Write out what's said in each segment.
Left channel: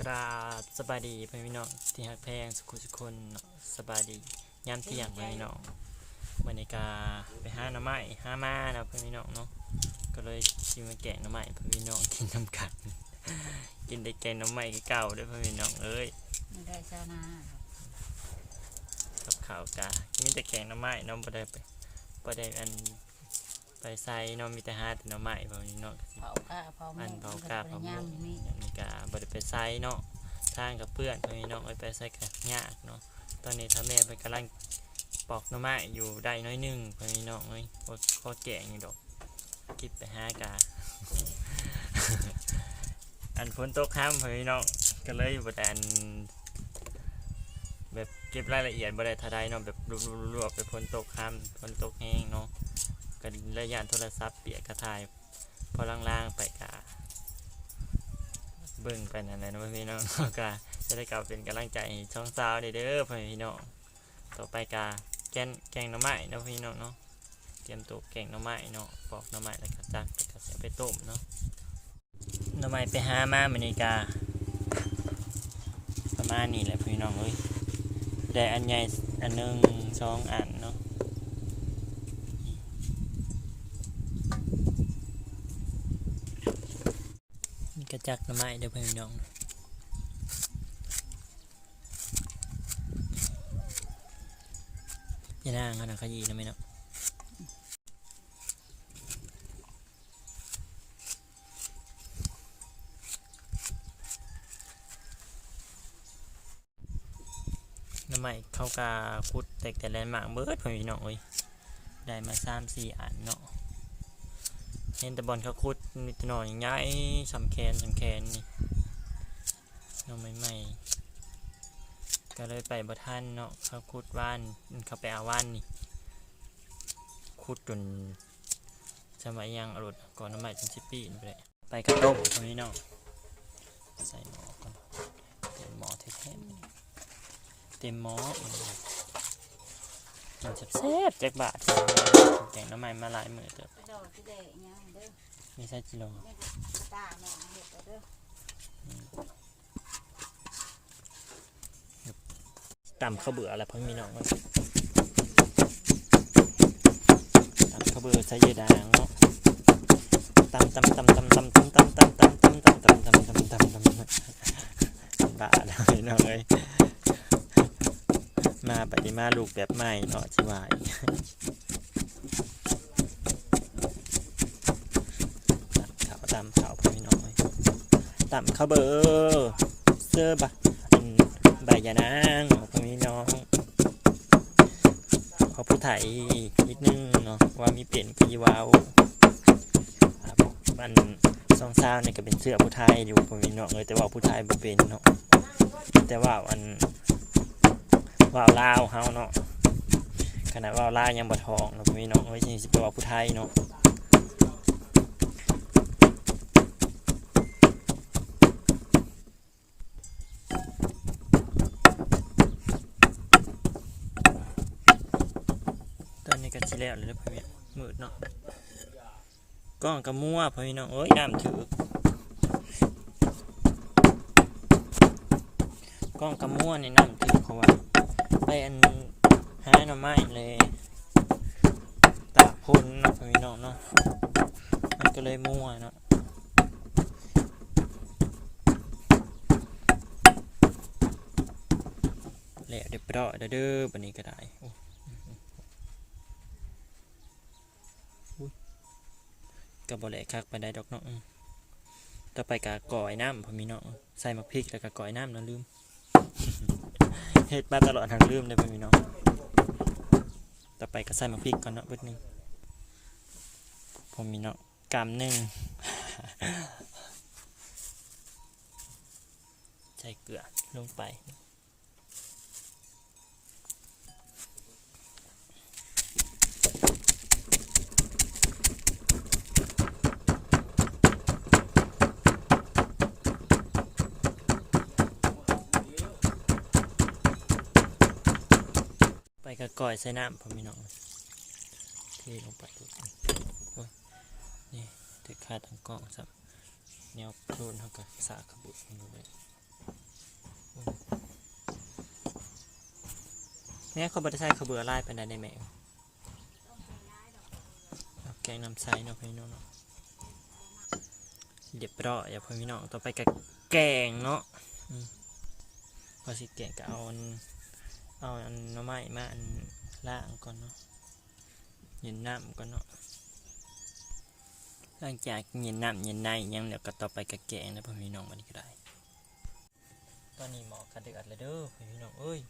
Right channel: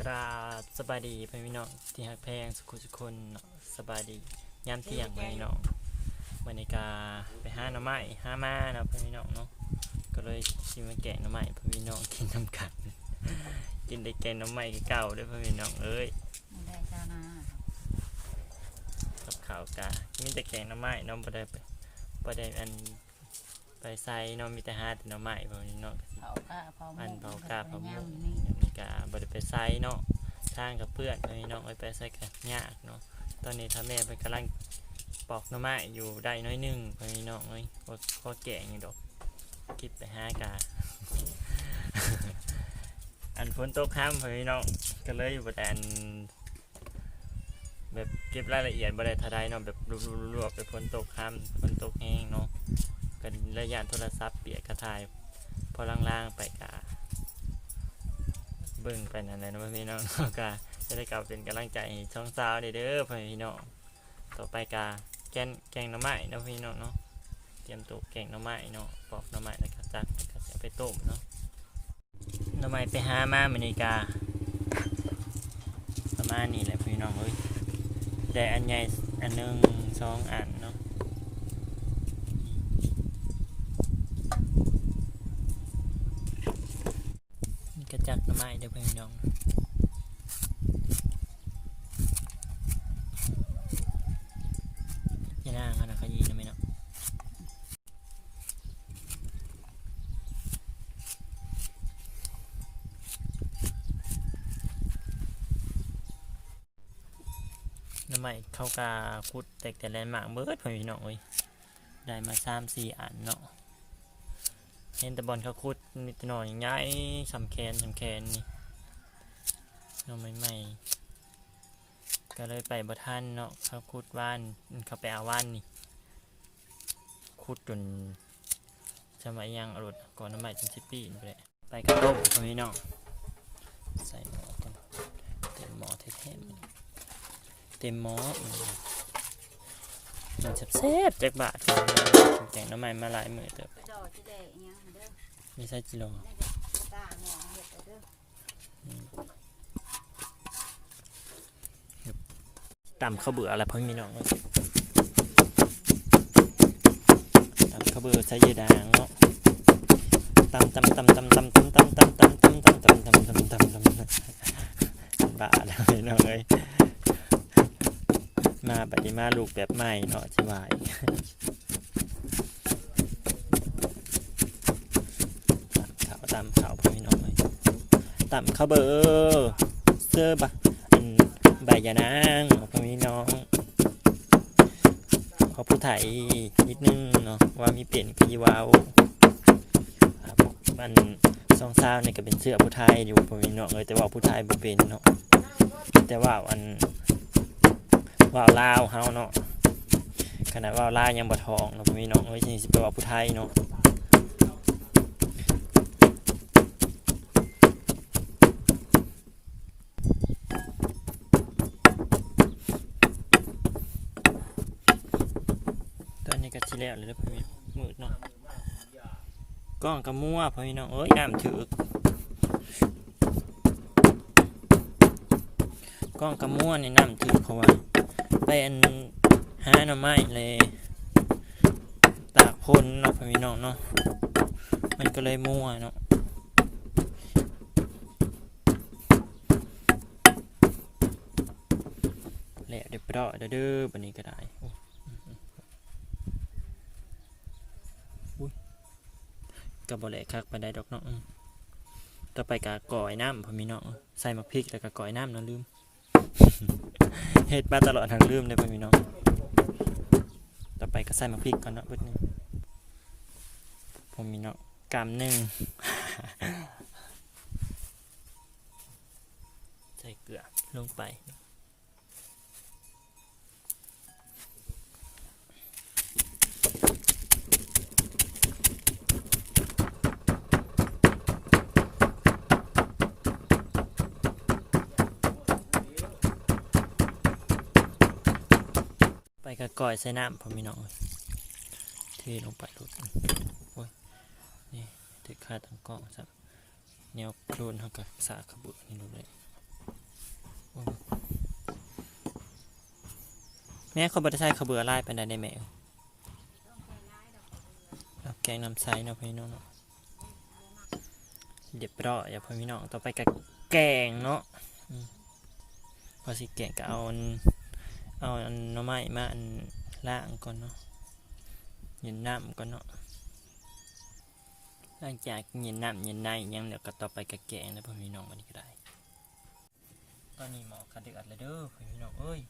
กราบสบายดีพ่อพี่น้องที่ฮักแพงสุขุสุคนเนาะสบายดียามเที่ยงพ่อพี่น้องบรรยากาไปห้าหน่อไม้หามาเนาะพี่น้องเนาะก็เลยชิมาแกงหน่อไม้พ่อพี่น้องกินน้ำกันกินได้แกงหน่อไม้เก่าด้วยพี่น้องเอ้ยไม่ได้จ้านากับข้าวกามีแต่แกงหน่อไม้น้องบ่ได้ไปบ่ได้อัน ไปใส่เน้องมีแต่หาแต่หน่อไม้พ่อพี่น้องก็สิเผาก้าเผาหม้อันเผากาเผาหมูย่างอยู่นี่ยามนี้กาบริไปไซเนาะทางกับเพื่อนไปน้องไปไปไซกันยากเนาะตอนนี้ถ้าแม่ไปกำลังปอกหน่อไม้อยู่ได้น้อยหนึงไปน้องเอ้ยบ่พอแก่อยู่ดอกคิดไปหากา อันฝนตกห้ามไปน้องก็เลยบ่แต่อันแบบเก็บรายละเอียดบ่ได้เทาใดเนาะแบบรวบๆๆไปฝนตกห้ามฝนตกแห้งเนาะ กันระยะโทรศัพท์เปียกกระทายพอล่างๆไปกาเบิ่งไปนั่นแหละนะพี่น้องก็จะได้กลับเป็นกำลังใจช่องสาวเด้อเด้อพี่น้องต่อไปกาแกงแกงหน่อไม้นะพี่น้องเนาะเตรียมตัวแกงหน่อไม้เนาะปอกหน่อไม้แล้วก็จักแล้วก็จะเอาไปต้มเนาะหน่อไม้ไปหามาเมื้อนี้กา ประมาณนี้แหละพี่น้องเอ้ยได้อันใหญ่อันหนึ่งสองอันเนาะ ก็จักหน่อไม้เด้อพี่น้องอย่าด่างขนาดขยี้นะไม่เนาะน้ำใหม่เข้ากาคุดแตกแต่แลนด์มาร์กเบิร์ดพี่น้องเอ้ยได้มาสามสี่อันเนาะ เห็นแต่บอลเขาคุดมีแต่หน่อยใหญ่สำแคนสำแคนนี่น้องใหม่ๆก็เลยไปบ่ท่านเนาะเขาขุดว่านเขาไปเอาว่านนี่ขุดจนสมัยยังอรุณก่อนน้ำใหม่จนสิบปีนี่ไปเลยไปกระต้มคนนี้เนาะใส่หม้อก่อนเต็มหม้อเท่ๆเต็มหม้อ มันแซ่บๆจากบาทแจงน้ำใหม่มาหลายมือเติบดอกที่แดงอิหยังเด้อมีไส้กิโลได้ตาหมองเห็ดเอาเด้อต่ำข้าวเบื่ออะไรเพิ่งมีน้องเลยต่ำข้าวเบื่อใส่ยีดางเนาะตำตำตำตำตำตำตำตำตำตำตำตำตำตำตำตำตำด่าเลยน้องเอ้ย มาปฏิมาลูกแบบใหม่เนาะชิวายตำขาวตำขาวพี่น้องเลยตำข้าวเบื่อเสื้อบะอืมใบยานางพี่น้องขอผู้ไทยนิดนึงเนาะว่ามีเปลี่ยนพีวาวครับมันซองซาวนี่ก็เป็นเสื้อผู้ไทยอยู่พี่น้องเอยแต่ว่าผู้ไทยบ่เป็นเนาะแต่ว่าอัน ว่าวลาวเฮาเนาะขนาดว่าวลาวยังบ่ทองเนาะพี่น้องเอ้ยสิไปว่าผู้ไทยเนาะตอนนี้ก็สิแล้วเลยเด้อพ่อพี่มืดเนาะกล้องกระมัวพี่น้องเอ้ยน้ำถือกล้องกระมัวนี่น้ำถือเพราะว่า ไปอันหาหน่อไม้เลยตากพ่นเนาะพ่อพี่น้องเนาะมันก็เลยมั่วเนาะแล้วเดี๋ยวไปรอเด้อเด้อบันนี้ก็ได้โอ้กับบอแหลกคักไปได้ดอกเนาะอืมต่อไปกะก่อยน้ำพอมีเนาะใส่มักพริกแล้วก็ก่อยน้ำเนาะลืม เฮ็ดมาตลอดทางลืมเลยพอมีเนาะต่อไปก็ใส่มาพริกก่อนเนาะเบิดนึงผมมีเนาะกำหนึ่งใส่เกลือลงไป ก็ก่อยใส่น้ำพอมีน้องเทลงไปดูโอ้ยนี่ติดคาดตังกล้องสับเนวโดนเขากับสาดขบุตนี่ดูเลยแม่เขาบัตรใช้ขบือไล่ไปได้ในแม่แกงน้ำใสนะพี่น้องเรียบร้ออย่าพ่พี่น้องต่อไปกับแกงเนาะพอสิแกงก็เอา เอาอันหน่อไม้มาอันล่างก่อนเนาะเย็นน้ำก่อนเนาะหลังจากเย็นน้ำเย็นในยังเดี๋ยวก็ต่อไปกระแกงแล้วพี่น้องมันก็ได้ ตอนนี้หมอกระเดือดเลยเด้อพี่น้องเอ้ย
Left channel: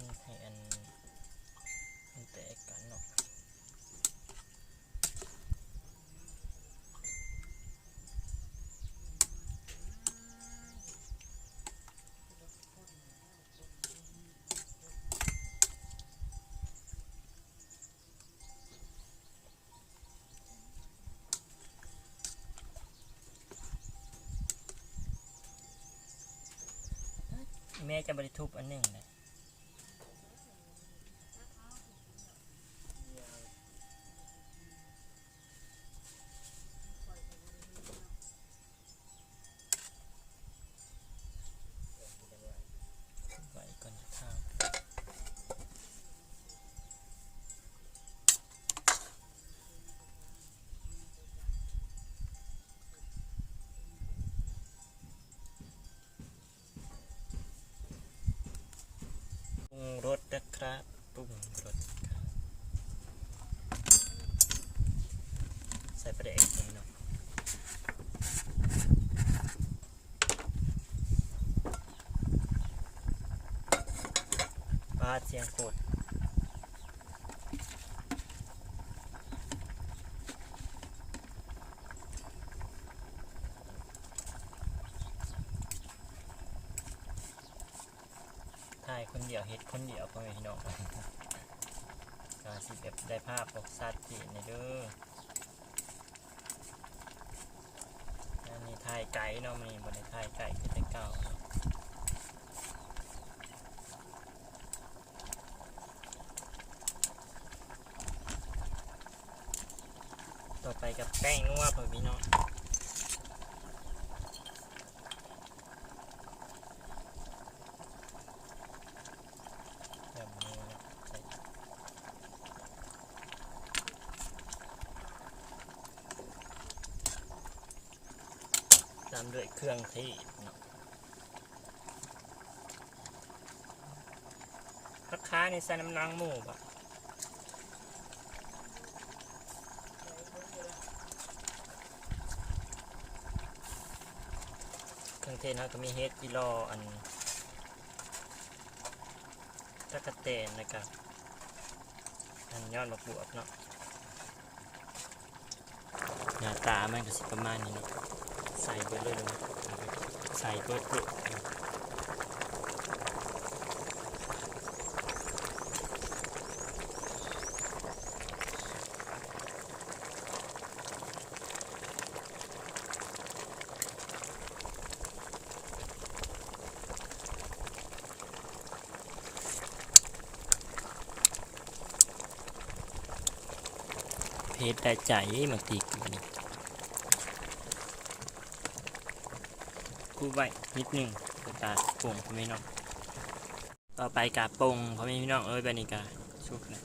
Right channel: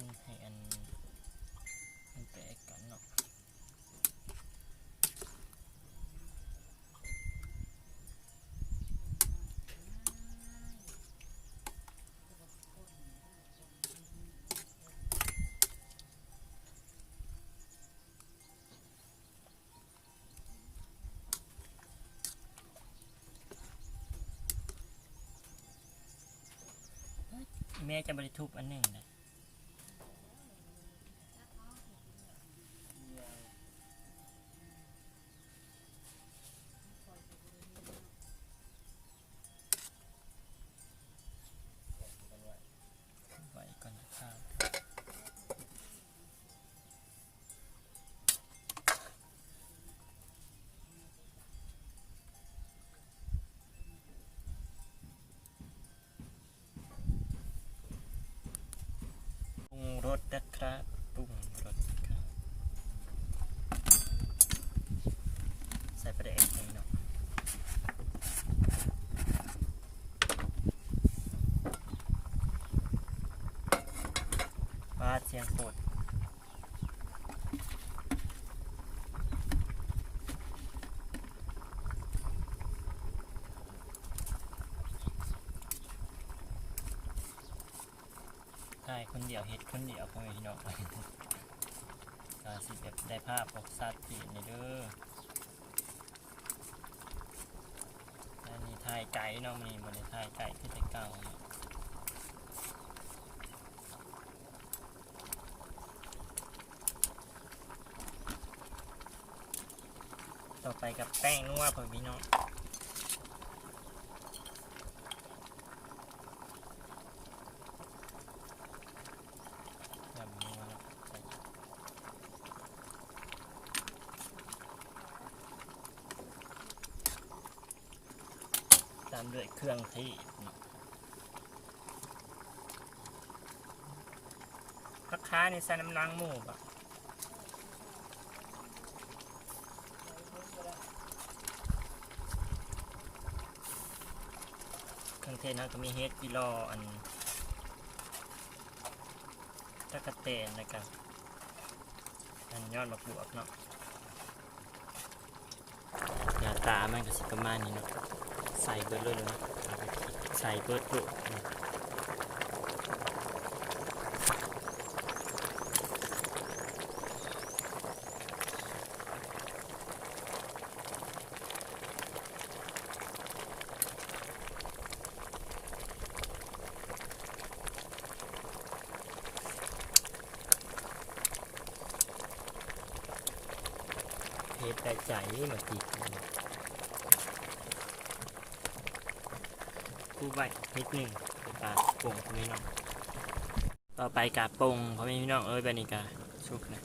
คนให้อันมันแตกกันเนาะแม่จะบริทุบอันหนึ่งเลย งโคตรถ่ายคนเดียวเฮ็ดคนเดียวพ่อแม่พี่น้องกาสิแบบได้ภาพปกสัตว์ที่ในเด้ออันนี้ถ่ายไก่เนาะมันนี่บ่ได้ถ่ายไก่คือแต่เก่าเนาะ ต่อไปกับแป้งนัวพ่อแม่พี่น้องตามด้วยเครื่องเทศเนาะราคาในใส่น้ำนางหมูบ่เเทศนะก็มีเฮดกิโลอันตะกะเตนนะครับอันยอดมะบวบเนาะหน้าตามันก็สิประมาณนี้นะใส่เบอร์เลยนะใส่เบอร์เบิดนะเพชรได้ใจมันตีกันคู่ไว้นิดหนึ่งกาปงพ่อแม่พี่น้องต่อไปกาปงพ่อแม่พี่น้องเอ้ยแบบนี้กาชุกนะ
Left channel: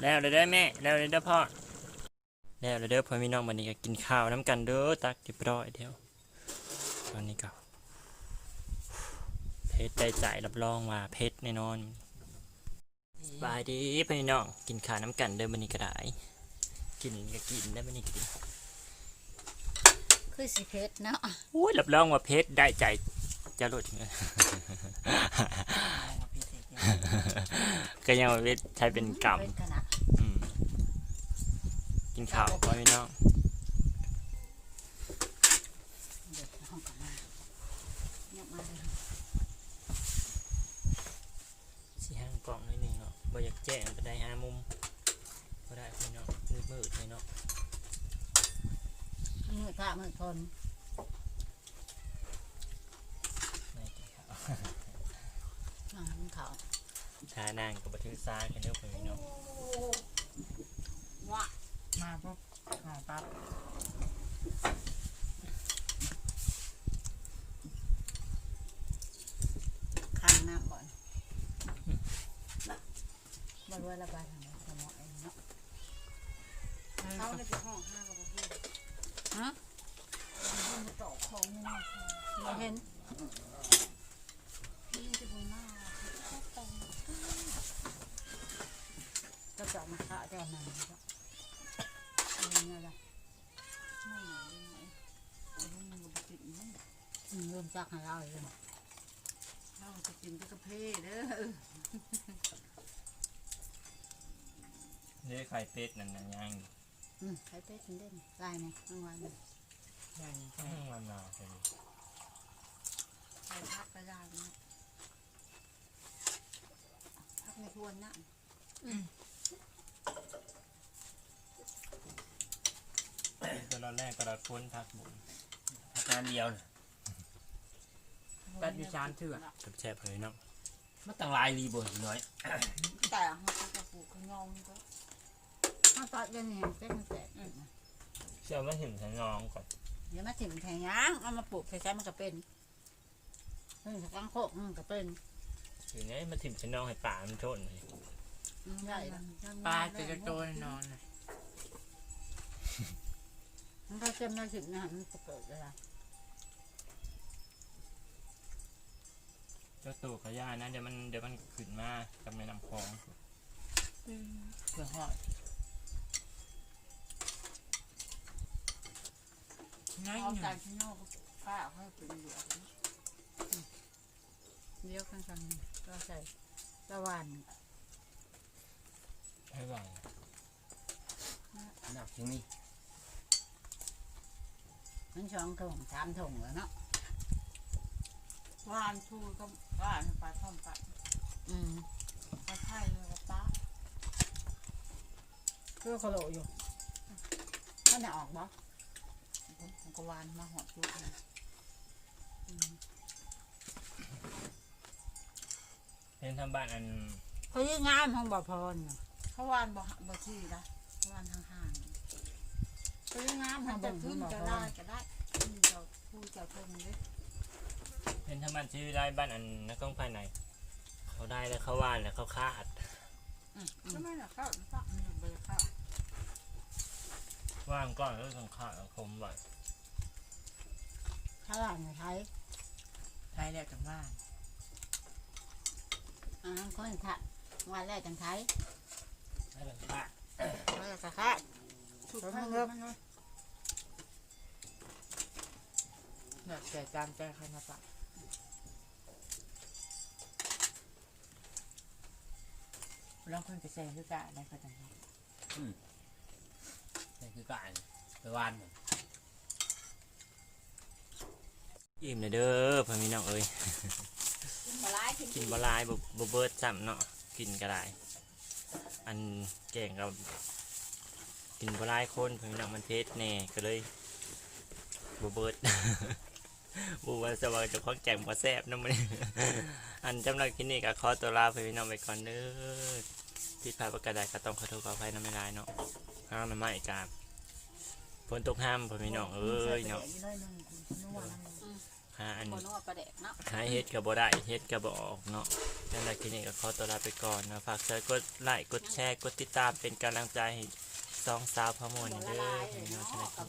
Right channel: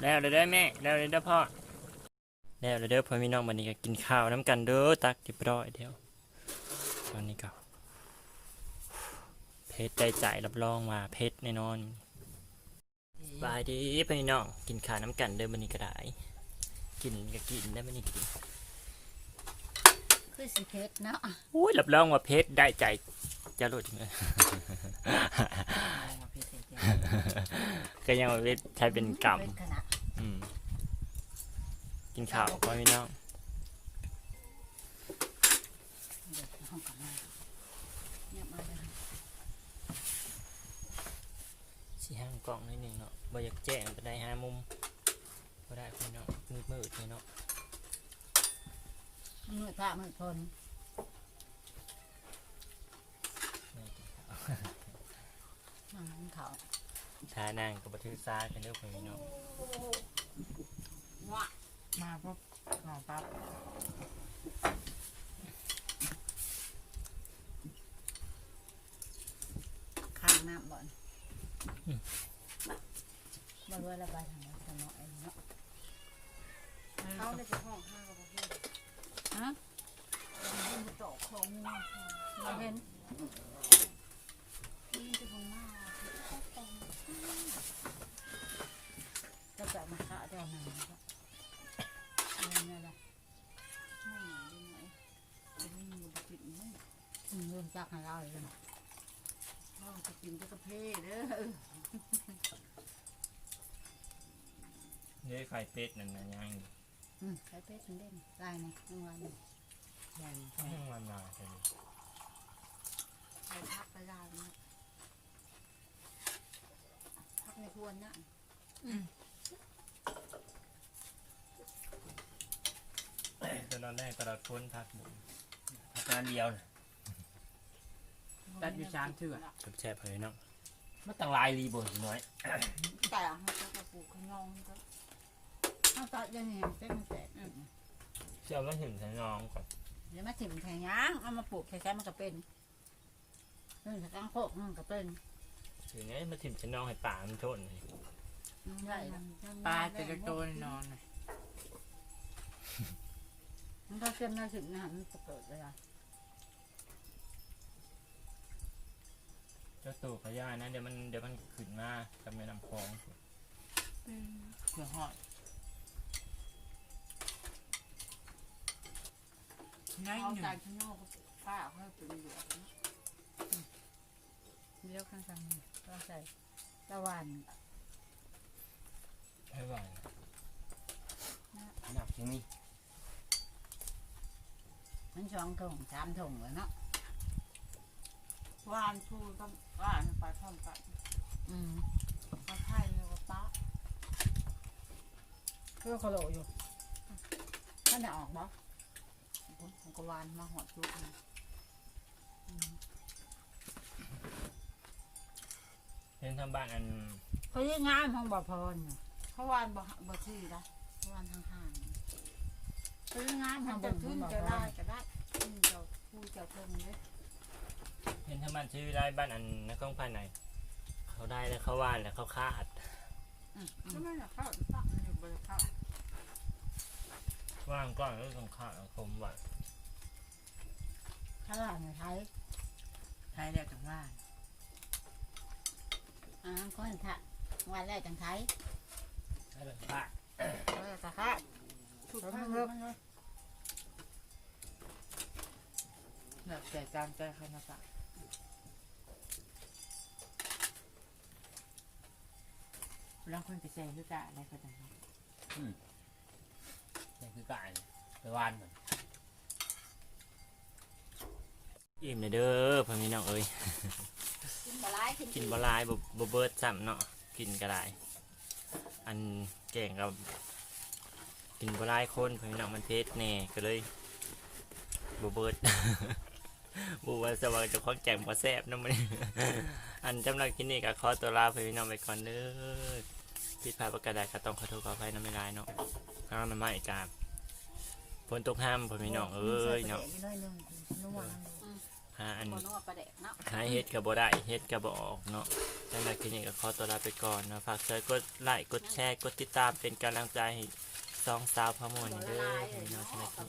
แล้วเด้อเด้แม่แล้วเด้อเด้พ่อแล้วเด้อเด้พ่อแม่พี่น้องวันนี้ก็กินข้าวน้ำกันเด้อตักเรียบร้อยเดียวตอนนี้ก็ ชรได้ใจรับรองว่าเพชรแน่นอนบายดีพ่อแม่พี่น้องกินข้าวน้ำกันเด้อวันนี้ก็ได้กินก็กินได้ไม่นี่กินคือสิเพชรเนาะอุ้ยรับรองว่าเพชรได้ใจจะรู้ถึงเลยก็ยังว่าเพชรใช้เป็นกรรมเพชขนาดอืมกินข้าวพ่อพี่น้อง ล้องนิดนึงเนาะบ่อยากแจ้งก็ได้หามุมก็ได้พี่เนาะมืดมืดพี่เนาะมืดพระมืดคลไม่กินข้าวนั่งกินข้าวทานางกับบะทึกซากันเด้อพี่เนาะ บ่รู้ระบายทางไหนสมองเองเนาะเขาเลยไปห้องห้ากับพี่ฮะมันจะตอกของเงินบ่เห็นนี่จะเป็นหน้าก็จะมาข้าวได้มาก็เอาเนี่ยแหละไม่หนาเลยไหมจะไม่มีบุตรไหมอืมเริ่มจักให้เราเลยเราจะกินก็กระเพาะเด้อ เด้อไข่เป็ดนั่นน่ะยังอืมใช้เป็ดมันเล่นลายนี่ทั้งวันนี่ใหญ่แห้งมันมาจังไปพักก็ได้นะพักในทวนนะตอนแรกตลอดพ้นพักบุญพักงานเดียวน่ะตัดอยู่สามเถื่อกับแซ่บพ่อพี่น้องมาตั้งหลายรีบ่น้อยแต่เขาก็จะปลูกขนมก็ ข้าวตอดยังไงเจ๊มันแตกอืมเชื่อว่าถึงใช้น้องก่อนเดี๋ยวมาถิ่มแทงยางเอามาปลูกแค่ๆมันก็เป็นมันจะกังโคกมันก็เป็นถึงนี้มาถิ่มใช้น้องให้ป่ามันชนเลยอืมได้ละปลาจะจะโตนอนน่ะมันก็เต็มมาถึงนะมันจะเปิดเวลาเจ้าตู่ขย่านะเดี๋ยวมันเดี๋ยวมันขึ้นมากับแม่น้ำคลองเพื่อหอด นั่นเอาหนึ่ใจงข้างนอกป้าให้เป็นเหลือเลี้ยวข้างๆก็ใส่ตะวันให้ไหวหนักที่นี่มันสองถุงสามถุงแล้วเนาะวานทูก็ว่านไปพร้อมกันอืมไปไข่เลยกับป้าตัวโคโลอยู่ถ้าไม่ออกบ่ ผมก็วานมาหอดจุกเลยเห็นทำบ้านอันพยางานของบ่พรเขาวานบ่บ่ที่ละวานห่างพยางานๆขมัอนงจะบ่ขึ้นบ่ก็พได้รก็ได้ขึ้นเจ้าผู้เจ้าทงเลยเห็นทำบ้านชื่อได้บ้านอันนักกล้องภายในเขาได้แล้วเขาว่านแล้วเขาคาดก็ไม่อยากเข้าตักมันอยู่บนเข้า ว่างก้อนแล้วต้องคาดคมไว้ถ้าว่าในไทยใช้ได้จังว่าอ่าคนถัดวันแรกจังไทยให้ต้องคาดวันแรกจะแค่สุดท้ายเลยมันเลยเนื้อแต่การแก้ไขหน้าปะลองคนกระแสด้วยกะได้ก็จังว่านี่ คือการไปวานเหมือนอิ่มเลยเด้อพ่อพี่น้องเอ้ยปลาไหลกินกินบหลายบ่บ่เบิดซ้ำเนาะกินก็ได้อันแกงกับกินบหลายคนพ่อพี่น้องมันเทศแน่ก็เลยบ่เบิด บูว่าสวัสดิ์เจะของแจงบ่แซ่บนำมัน อันจำหรับคลิปนี้ก็ขอตัวลาพ่อพี่น้องไปก่อนเด้อผิดพลาดประการใดก็ต้องขอโทษขออภัยนำไม่ได้เนาะห้ามมันมาอีกการ ฝนตกห้ามพ่อพี่น้องเอ้ยเนาะได้หนึ่งนัวหาอันคนนัวประเด็กเนาะหาเฮ็ดก็บ่ได้เฮ็ดก็บ่ออกเนาะนั่นแหละคลิปนี้ก็ขอตัวลาไปก่อนนะฝากเชิญกดไลค์กดแชร์กดติดตามเป็นกำลังใจให้สองสาวพะมวนเด้อให้น้องชนะกิน